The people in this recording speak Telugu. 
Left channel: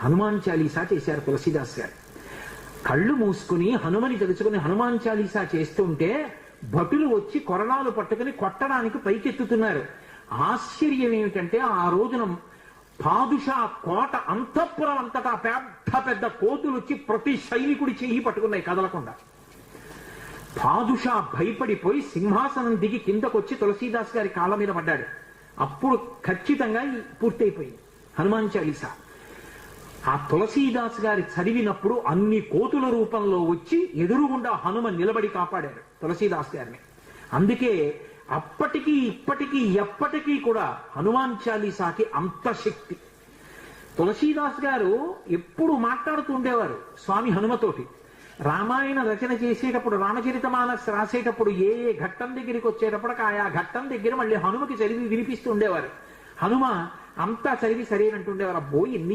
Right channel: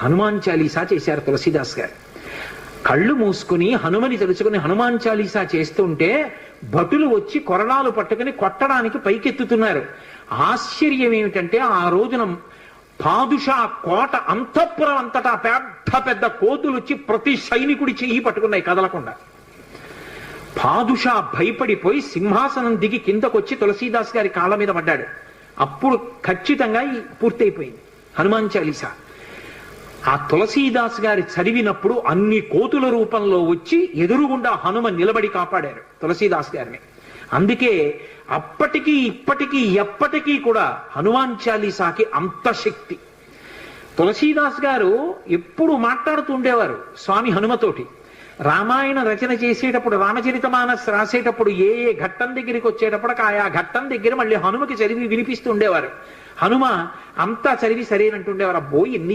హనుమాన్ చాలీసా చేశారు తులసీదాస్ గారు. కళ్ళు మూసుకుని హనుమని తెలుసుకుని హనుమాన్ చాలీసా చేస్తుంటే భటులు వచ్చి కొరడాలు పట్టుకుని కొట్టడానికి పైకెత్తుతున్నారు. ఆశ్చర్యం ఏమిటంటే ఆ రోజున పాదుషా కోట అంతఃపురం అంతటా పెద్ద పెద్ద కోతులు వచ్చి ప్రతి సైనికుడి చెయ్యి పట్టుకున్నాయి కదలకుండా. పాదుషా భయపడిపోయి సింహాసనం దిగి కిందకొచ్చి తులసీదాస్ గారి కాళ్ళ మీద పడ్డాడు. అప్పుడు ఖచ్చితంగా పూర్తయిపోయింది హనుమాన్ చాలీసా. ఆ తులసీదాస్ గారి చదివినప్పుడు అన్ని కోతుల రూపంలో వచ్చి ఎదురుగుండా హనుమ నిలబడి కాపాడారు తులసీదాస్ గారిని. అందుకే అప్పటికీ ఇప్పటికీ ఎప్పటికీ కూడా హనుమాన్ చాలీసాకి అంత శక్తి. తులసీదాస్ గారు ఎప్పుడు మాట్లాడుతూ ఉండేవారు స్వామి హనుమతోటి. రామాయణ రచన చేసేటప్పుడు రామచరితమానస్ రాసేటప్పుడు ఏ ఏ ఘట్టం దగ్గరికి వచ్చేటప్పుడు ఆయా ఘట్టం దగ్గర మళ్ళీ హనుమకి చదివి వినిపిస్తూ ఉండేవారు. హనుమ అంతా చదివి సరేనంటుండేవారు. అబ్బో ఎన్ని